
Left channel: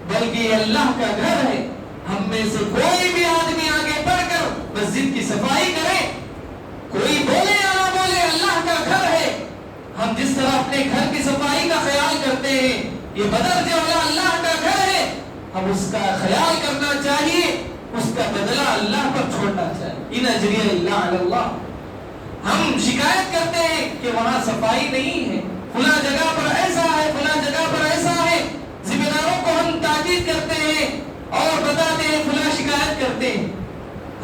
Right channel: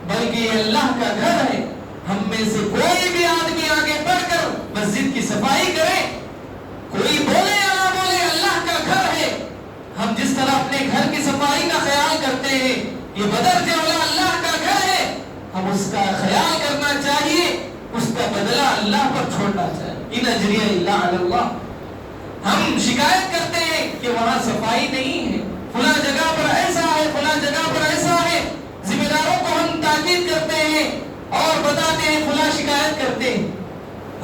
بلکہ یہ اللہ کا گھر ہے۔ ہم میں سے کوئی بھی آدمی آگے بڑھ کر مسجد کی صفائی کرے، کوئی بولے یا نہ بولے، اللہ کا گھر ہے۔ ہم جس طرح اپنے گھر کی صفائی کا خیال کرتے ہیں، یہ بدر جولا اللہ کا گھر ہے، ہم اس کا خیال کرنا چاہیے، اس کا بدلہ اللہ پر چھوڑنا چاہیے۔ ان اجری اللہ علی اللہ۔ ہم شکایت کرتے ہیں کہ وہاں صفائی نہیں ہے، فلاں جگہ پر ایسا ہے، فلاں جگہ پر ایسا ہے، ذمہ داروں کو ہم تاکید کرتے ہیں اور بتاتے ہیں، فلاں شکایت کرتے ہیں۔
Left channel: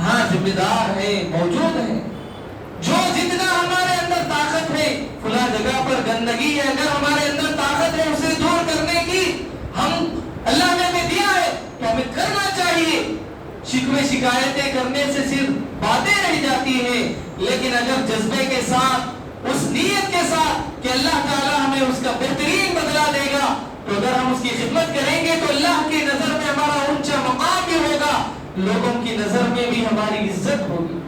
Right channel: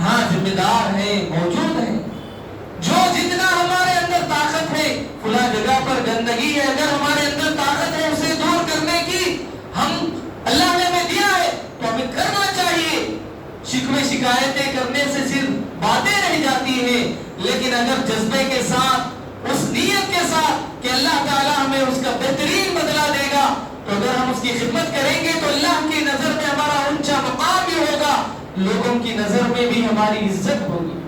ہاں ذمہ دار ہے، موجود ہے، جو جتنا ہمارے اندر طاقت ہے، فلاں جگہ پر گندگی ہے، اگر ہمارے اندر طاقت ہے اسے دور کرنے کی، ہم اللہ نے ہمیں دیا ہے تو ہمیں کرنا چاہیے۔ شکوے شکایتیں کرنے سے صرف باتیں رہ جاتی ہیں، لیکن اگر جذبے کے ساتھ، اس نیت کے ساتھ کہ اللہ تعالیٰ ہمیں اس کا بہترین بدلہ دے گا، تو اگر ہم اس کی خدمت کریں گے تو اللہ کی نظر میں ہمارا اونچا مقام بھی ہوگا، لوگوں کی نظر میں بھی ہماری عزت ہوگی۔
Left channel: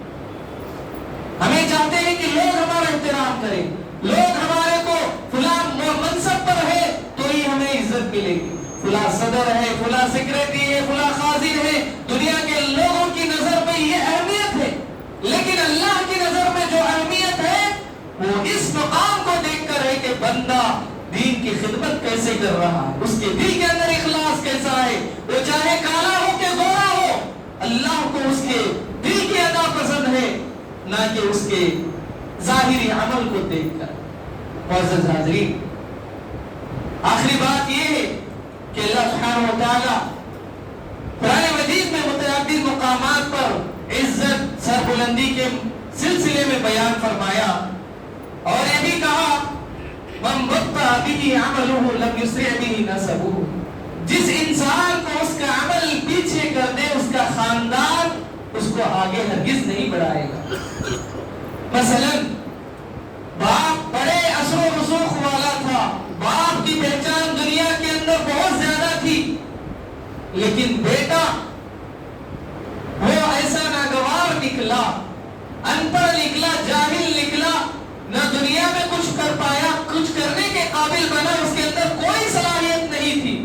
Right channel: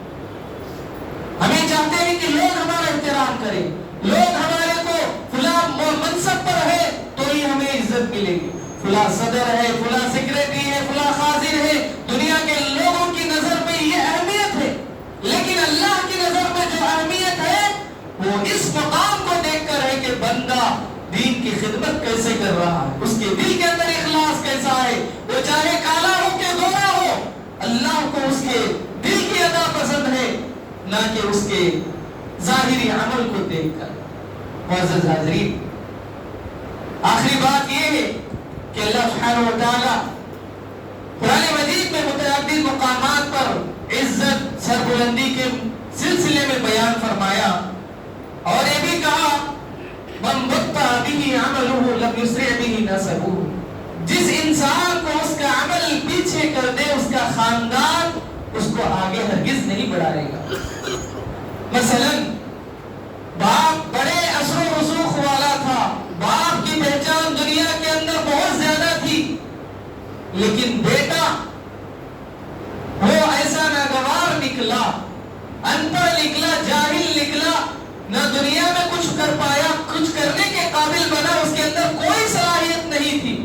ہمیں چاہتے ہیں کہ لوگ ہمارا احترام کریں، لوگ ہمارے کو فلاں منصب پر ہے تو ہی ہمیں عزت ملے گی، فلاں صدر ہے، فلاں سیکریٹری ہے، فلاں خازن ہے، دنیا کے لوگوں کی نظر میں یہ اہمیت ہے، لیکن اللہ کی نظر میں جو اہمیت ہے وہ اس مقام کو دیکھ کر ہے کہ بندہ دین کی خدمت کیسے کر رہا ہے، اس کے دل کے اندر اخلاص کیسا ہے، وہ چاہے کالا ہو کہ گورا ہو، اللہ کو اس کے دل کی ادا پسند ہے، نہ کہ اس کے ظاہری عمل کو دیکھ کر۔ معزز حاضرین، آخری بات یہ ہے کہ اللہ سبحانہ و تعالی قرآن مجید میں متعدد مقامات پر عزت سربلندی کے سلسلے میں بیان فرمایا، اور یہ بھی کہا من بطأ به عمله لم يسرع به نسبه، جس انسان کو اس کا عمل پیچھے کر دے، اس کا خاندان اس کو آگے ہرگز نہیں بڑھائے گا۔ مثلا باپ بڑے اثر و رسوخ والا تھا، باپ کی پہچان دنیا کے اندر بہت زیادہ تھی، لیکن بیٹا وہ ایسا ناگوار نکلا، ان پڑھ نکلا، جاہل نکلا، نہ دنیا میں کچھ کر پایا، کچھ کرنے کے قابل بنا، اس کے اندر کوئی صلاحیت نہیں تھی،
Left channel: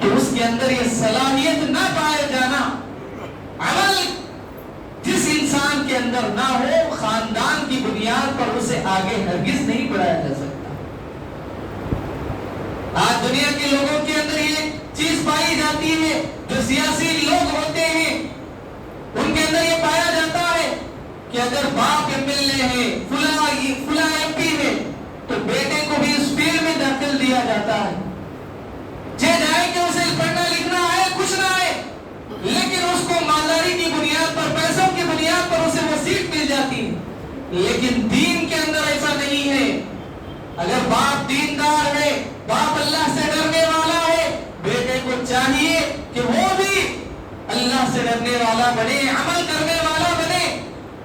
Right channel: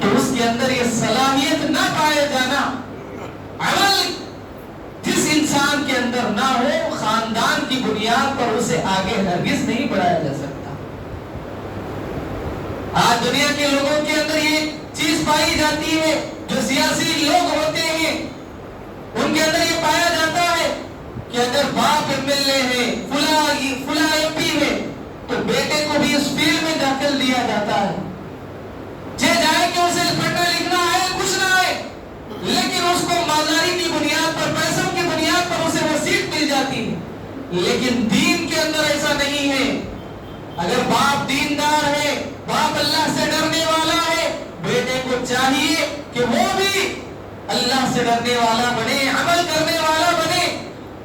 تو اس کے اندر یہ صلاحیت نہ پائے جانا، عمل جس انسان کے اندر نہ ہو، خاندان کی بنیاد پر اسے آگے ہرگز نہیں بڑھایا جا سکتا۔ آج دنیا کے لوگوں کے اندر یہ چیز پائی جاتی ہے، جو سیاسی لوگ ہوتے ہیں ان کے اندر یہ پایا جاتا ہے کہ اگر باپ MLA ہے، فلاں MP ہے، تو بیٹے کو بھی اس فیلڈ میں داخل دیا جاتا ہے، چاہے کہ اسے پڑھنا لکھنا ہے کچھ نہ ہے، لیکن اس کو مالداری کی بنیاد پر، پیسوں کی بنیاد پر اسے وہ سیٹ مل جاتی ہے۔ لیکن دین کے اندر ایسا نہیں ہے۔ اگر باپ دیندار ہے، باپ اللہ سے ڈرنے والا ہے، بیٹے کو چاہیے کہ وہ بھی اللہ سے ڈرنے والا بنے، عمل کرنے والا بنے۔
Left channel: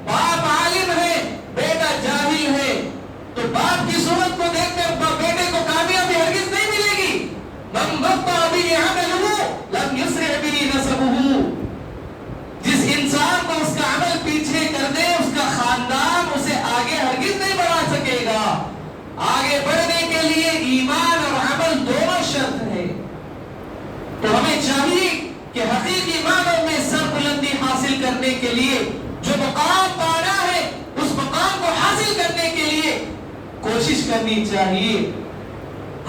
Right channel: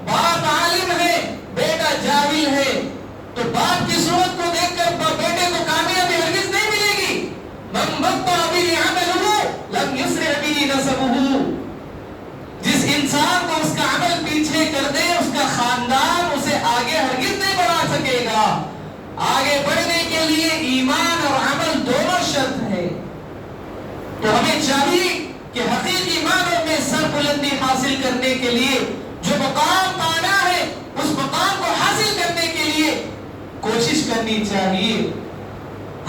باپ عالم ہے، بیٹا جاہل ہے، تو باپ کی صورت کو دیکھ کر بیٹے کو کامیابی ہرگز نہیں ملے گی۔ من بطأ به عمله لم يسرع به نسبه، جس انسان کو اس کا عمل پیچھے کر دے، اس کا خاندان اسے آگے ہرگز نہیں بڑھا سکے گا۔ آگے بڑھنے کے لیے ایمان اور عمل دونوں شرط ہے، تو ہمیں چاہیے کہ حقیقی معنوں میں سربلندی حاصل کرنے کے لیے، جو مقام پانا ہے اس مقام کو حاصل کرنے کے لیے کوشش کرنی چاہیے۔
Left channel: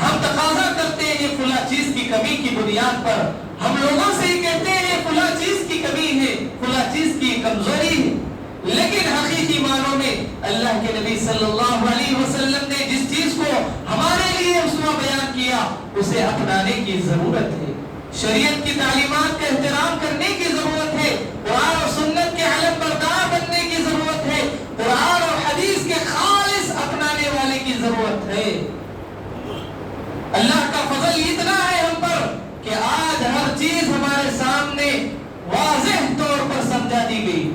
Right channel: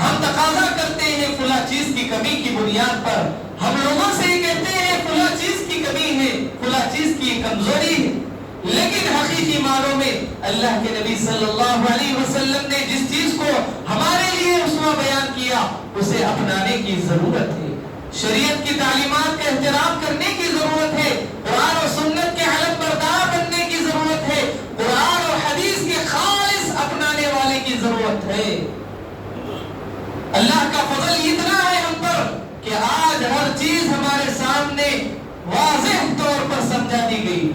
ہم تقاضا کرتے ہیں فلاں چیز کی کمی کی بنیاد پر، ہم لوگوں سے ہی کہتے ہیں فلاں چیز کی کمی ہے، فلاں چیز کی کمزوری ہے، لیکن حقیقی معنوں میں اللہ کے نبی صلی اللہ علیہ وسلم نے جس چیز کو ہمارے لیے اسوہ بیان کیا، اسے اپنانے کی ضرورت ہے۔ شریعت کی تعلیمات کا احترام کرنے کی ضرورت ہے، قرآن اور سنت کے علم بردار بننے کی ضرورت ہے، قرآن اور حدیث کے خالص اپنانے والے کی ضرورت ہے۔ اللہ کا فضل اتنا ہے ہم پر کہ آج ہر چیز ہمارے سامنے واضح طور پر سمجھا دی گئی۔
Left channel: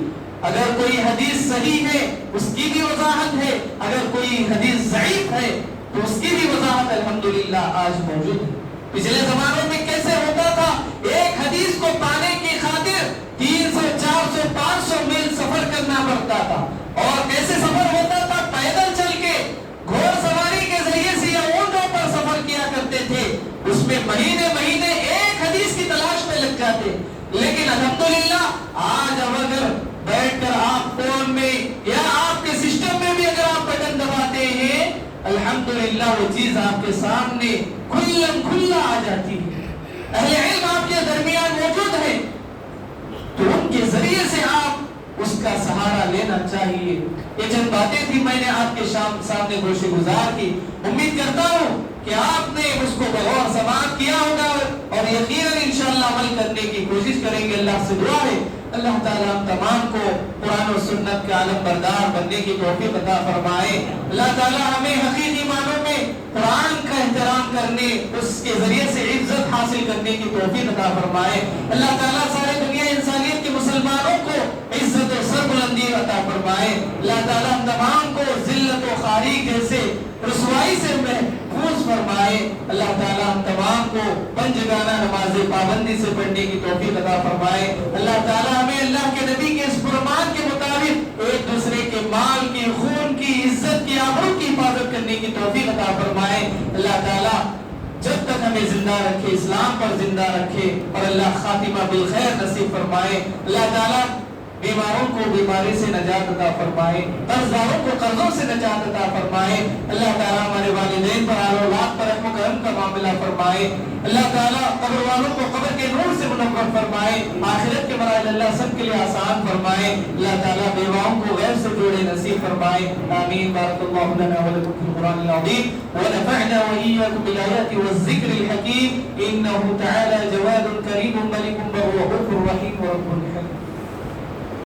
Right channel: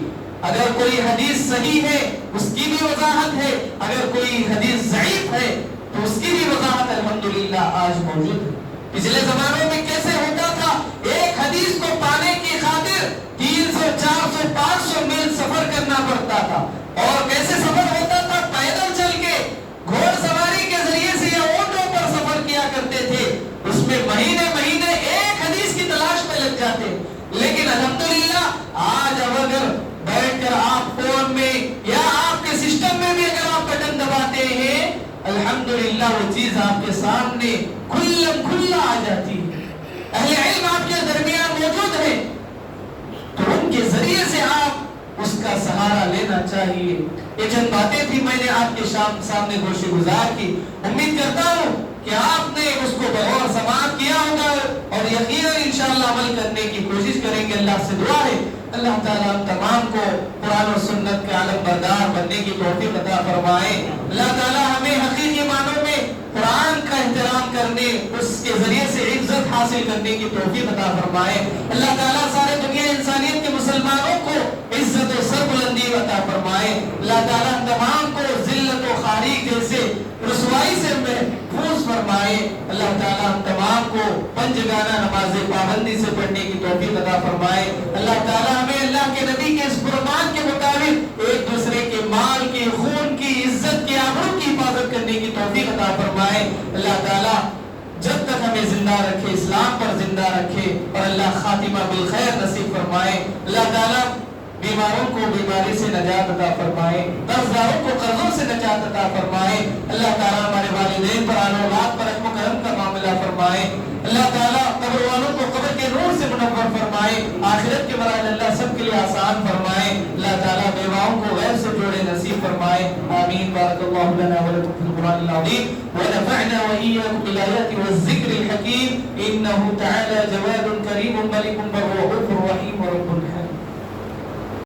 اگر کوئی حدیث صحیح ہے اس کی بھی وضاحت ہے، اگر کوئی حدیث ضعیف ہے تو اس کی بھی وضاحت الحمدللہ آج موجود ہے۔ پچھلے زمانوں میں کیسے ہوتا تھا؟ ایک حدیث کو پانے کی خاطر 300 400 500 میل سفر کرنا پڑتا تھا. اور کیسے سفر ہوتا تھا؟ پیدل چل کے، گھوڑ سواری کے ذریعے سے یا اونٹوں پر سفر کیا کرتے تھے. اس میں مہینے مہینے ایک حدیث کی تلاش میں لگ جاتے. لیکن الحمدللہ آج اب اگر بیٹھ کر آپ فون میں یا آپ کے سسٹم میں بھی اگر آپ بٹن دباتے ہیں، الحمدللہ وہ چیز آپ کے سامنے کھلا آ جاتی ہے. اہل علم آپ کے درمیان موجود ہیں تو ان کے ذریعے سے آپ اس کا سہارا لینا چاہیے. یہ چند باتیں تھی میں نے آپ کے سامنے گوشے گزار کی. امید کرتا ہوں کہ آپ نے اس کو بغور سماعت کیا ہوگا اور یقیناً انشاءاللہ عمل کرنے کی کوشش کریں گے. اللہ سے دعا ہے اللہ تعالیٰ ہم تمام کو قرآن و سنت کے عالم بردار بننے کی توفیق عطا فرمائے. اللہ تعالیٰ ہمیں حقیقی معنوں میں قرآن کا احترام کرنے، اس کے ذریعے سے عزت حاصل کرنے کی توفیق عطا فرمائے. اللہ تعالیٰ سارے دنیا انسانیت کے مسلمانوں کو عزت و سربلندی عطا فرمائے. اللہ تعالیٰ ہم تمام کو ذلت و خواری جیسے رسوائی سے محفوظ فرمائے. اللہ تعالیٰ ہم تمام کو پنجگانہ نماز پابندی سے پڑھنے کی توفیق عطا فرمائے. اللہ تعالیٰ ہمیں اللہ کے نبی کے اس فرمان کے مطابق ایک دوسرے کے مال کی، خون کی، عزت کی، آبرو کی حفاظت کرنے کی توفیق عطا فرمائے. اللہ تعالیٰ جب تک ہمیں زندہ رکھے، اسلام پر زندہ رکھے اور اللہ خاتمہ بالخیر نصیب فرمائے. اللہ تعالیٰ بیماروں کو بیماری سے نجات عطا فرمائے، قرض داروں کو قرضوں سے نجات عطا فرمائے. اللہ تعالیٰ ہمارے والدین پر، اہل اولاد پر رحم و کرم کا معاملہ فرمائے. اللہ تعالیٰ قبر والوں کو قبر کے نور سے منور فرمائے. آخرت کے مراحل اللہ سب کے لیے آسان فرمائے. اللہ تعالیٰ بیواؤں کو غیب سے جوڑے نصیب فرمائے. آمین. بارک اللہ لنا ولکم فی القرآن العظیم ونفعنا وإياكم بالآيات والذكر الحكيم إنه تعالى جواد كريم ملك رؤوف رحيم ورب